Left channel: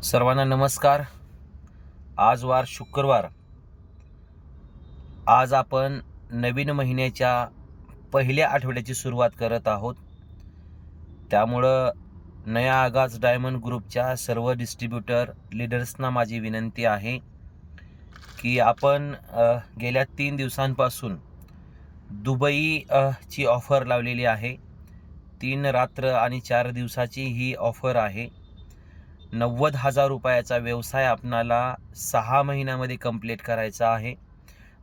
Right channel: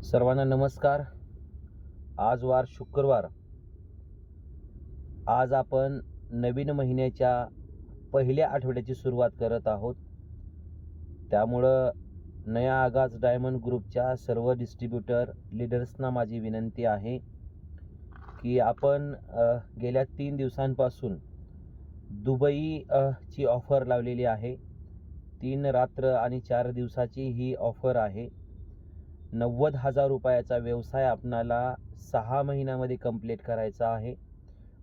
सर्वांना नमस्कार. आज वार शुक्रवार. आज आपण नवीन महिन्याच्या पहिल्या आठवड्याची सुरुवात करत आहोत. त्यामुळं नया आगाज डायमंड ग्रुपच्या सर्व डिस्ट्रीब्युटर लीडर्सना माझी विनंती आहे की आपण गेल्या 3 दिवसांपासून दुबई ची ऑफर लावलेली आहे. 3 रात्र आणि 4 दिवसाची ही ऑफर आहे. 90,000 रुपयाचा व्यवसाय आपणाला 6 महिन्यामध्ये कंप्लीट करायचा आहे.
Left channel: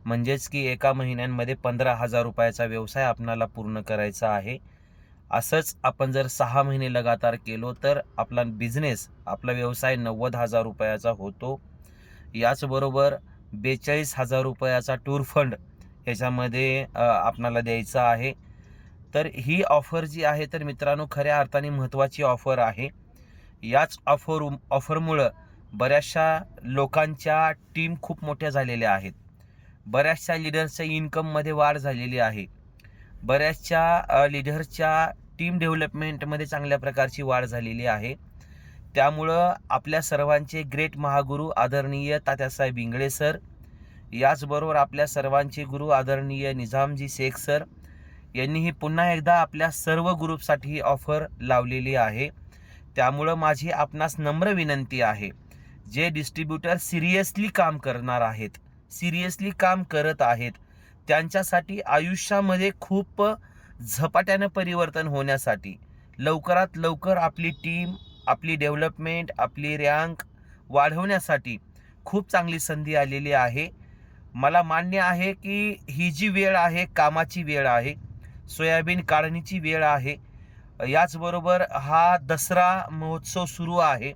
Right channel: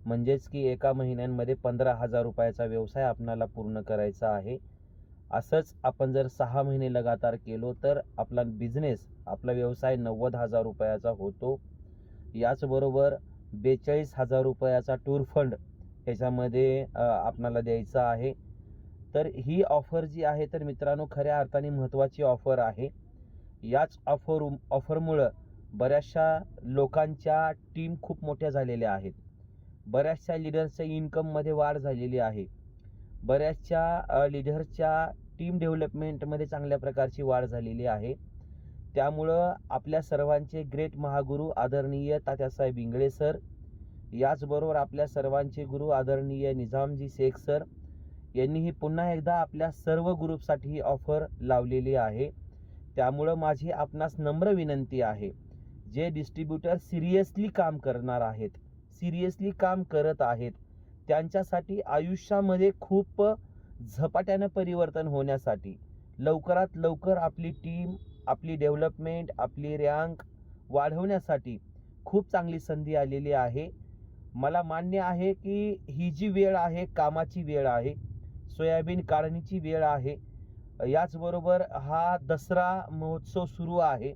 म्हणजेच की एका महिन्यामध्ये 15,000 रुपयाचा व्यवसाय आपणाला पूर्ण करायचा आहे. असंच आपण जर 6 महिने लगातार केलो तर आपला बिझनेस, आपला व्यवसाय 90,000 रुपयाचा होतो. याचबरोबर 42,000 रुपयाचा टूर फंड ह्याच्यामध्ये आपणाला द्यायचा आहे. तर ही ऑफर जी आहे तर मित्रांनो खऱ्या अर्थाने महत्त्वाची ऑफर आहे. याच ऑफरमुळं बऱ्याचशा लोकांच्या टीम खूप मोठ्या झालेल्या आहेत. बऱ्याचशा लीडर्सच्या इन्कममध्ये वाढ झालेली आहे. बऱ्याचशा लीडर्सच्या टीम डेव्हलपमेंटमध्ये चांगल्या प्रकारची वाढ झालेली आहे. त्यामुळं आपल्या सर्वांचे ग्रेट महागुरू आदरणीय तात्यासाहेब इंगळे सर, याचबरोबर आपल्या सर्वांचे गुरु आदरणीय निजामजी शेख सर यांनीही पुन्हा एकदा आपल्या सर्व ग्रुपसाठी ही ऑफर लावलेली आहे. त्यामुळं माझी आपणास नम्र विनंती आहे, जे डिस्ट्रीब्युटर सिरियसली काम करणार आहेत, सिरियसली काम करत आहेत, त्यांच्यासाठी आयुष्यामध्ये खूप झपाट्यानं परिवर्तन होण्यासाठी लवकरात लवकर आपली टीम, आपली डेव्हलपमेंट, आपली रँक वाढवण्यासाठी खूप चांगली संधी आलेली आहे. मला मान्य आहे की ही जी वेळ आहे कामाची वेळ आहे, सोयाबीन काढणीची वेळ आहे. याचबरोबर हा दसरा महोत्सव सुरू आहे.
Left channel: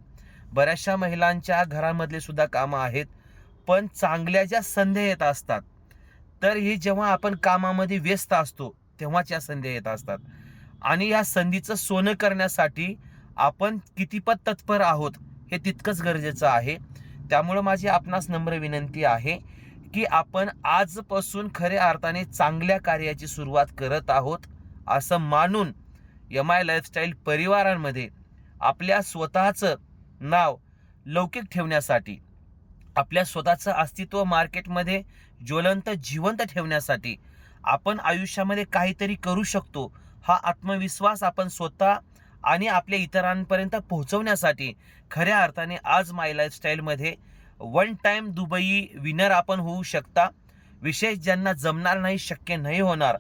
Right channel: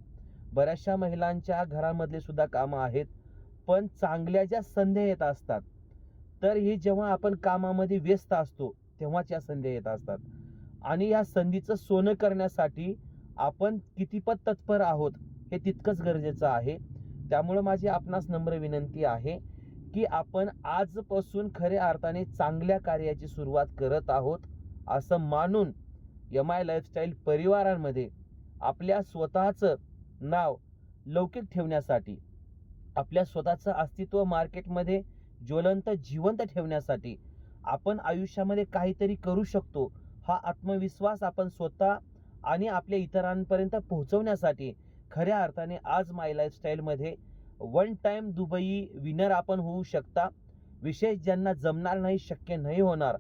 बऱ्याचशा महिलांच्या घरामधले सुद्धा कामं आहेत, पण चांगल्या ज्या संधी येत असतात तर ही जेव्हा आपण कामामध्ये व्यस्त असतो तेव्हाच या संधी येत असतात. आणि या संधीचं सोनं करण्यासाठी आपण कितीपत तत्पर आहोत हे तितकंच गरजेचं आहे. त्यामुळं माझी आपणास नम्र विनंती आहे की आपण आजपासून खऱ्या अर्थाने चांगल्या कार्याची सुरुवात करत आहोत असं मानून MI लाईफस्टाईल परिवारांमध्ये आपल्या स्वतःचं नाव लौकिक ठेवण्यासाठी, आपल्या स्वतःचं अस्तित्व मार्केटमध्ये ज्वलंत जिवंत ठेवण्यासाठी, आपण आयुष्यामध्ये काहीतरी करू शकतो हा आत्मविश्वास आपण स्वतः आणि आपल्या इतरांपर्यंत पोहोचवण्यासाठी खऱ्या अर्थाने आज माय लाईफस्टाईलमध्ये 1 टाइम दुबई विनर आपण होऊ शकता. विशेष ज्यांना जमणार नाही, शक्य नाही होणार,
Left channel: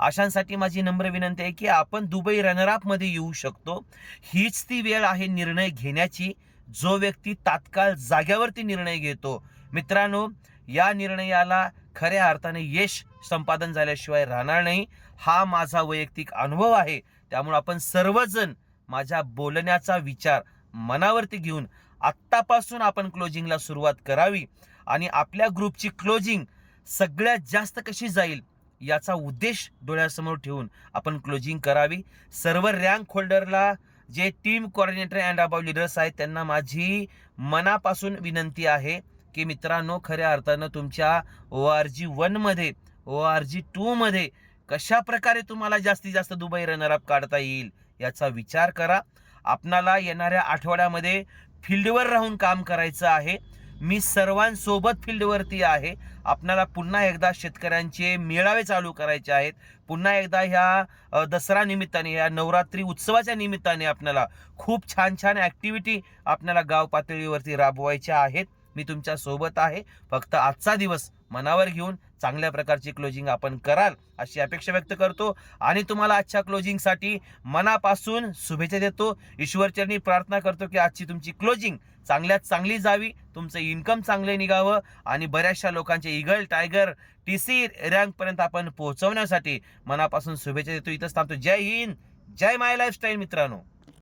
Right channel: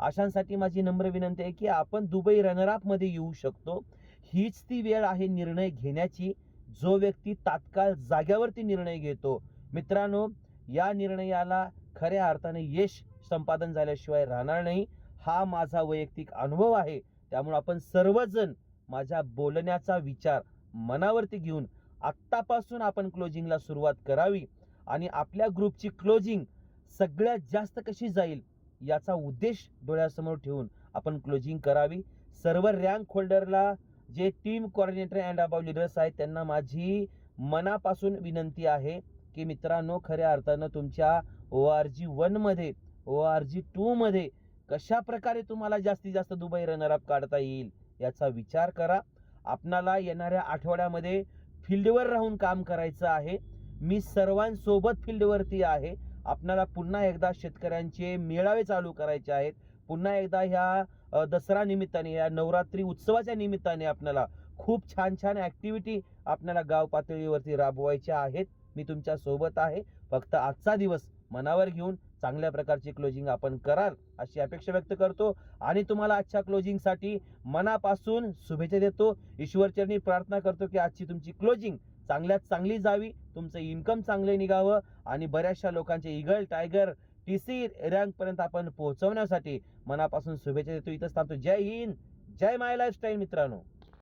अशांसाठी माझी नम्र विनंती आहे की आपण दुबई रनरअप मध्ये येऊ शकतो. हीच ती वेळ आहे निर्णय घेण्याची, जो व्यक्ती तात्काळ जाग्यावरती निर्णय घेतो. मित्रांनो, या निर्णयाला खऱ्या अर्थाने यश संपादन झाल्याशिवाय राहणार नाही. हा माझा वैयक्तिक अनुभव आहे. त्यामुळे आपण सर्वजण माझ्या बोलण्याचा विचार मनावरती घेऊन आत्तापासून आपण क्लोजिंगला सुरुवात करावी आणि आपल्या ग्रुपची क्लोजिंग सगळ्यात जास्त कशी जाईल याचा उद्देश डोळ्यासमोर ठेवून आपण क्लोजिंग करावी. सर्व रँक होल्डरला, जे team coordinator and above leaders आहेत, त्यांना माझी मनापासून विनंती आहे की मित्रांनो, खऱ्या अर्थानं तुमच्या ORG1 मध्ये, ORG2 मध्ये कशा प्रकारे तुम्हाला जास्तीत जास्त दुबई रनरअप काढता येईल याचा विचार करा. आपणाला येणाऱ्या आठवड्यामध्ये फील्डवर राहून काम करायचं आहे. मी सर्वांसोबत फील्डवरती आहे. आपल्याला पुन्हा एकदा शेतकऱ्यांचे मेळावे चालू करायचे आहेत. पुन्हा एकदा ह्या दसरा निमित्ताने, या नवरात्री उत्सवाच्या निमित्ताने आपल्याला खूप छान छान ॲक्टिव्हिटी आपल्याला गाव पातळीवरती राबवायच्या आहेत. मी तुमच्या सोबत आहे. फक्त आजचा दिवस मनावर घेऊन चांगल्या प्रकारची क्लोजिंग आपण कराल अशी अपेक्षा व्यक्त करतो आणि तुम्हाला आजच्या क्लोजिंगसाठी मनापासून शुभेच्छा देतो. ईश्वरचरणी प्रार्थना करतो की आजची तुमची क्लोजिंग चांगल्यात चांगली जावी, तुमचं इन्कम चांगले निघावं आणि बऱ्याचशा लोकांचे ईगल, टायगर, TC रँकपर्यंत आपण पोहोचवण्यासाठी मनापासून शुभेच्छा देतो. इथंच थांबतो. जय हिंद, जय माय लाईफस्टाईल मित्रांनो.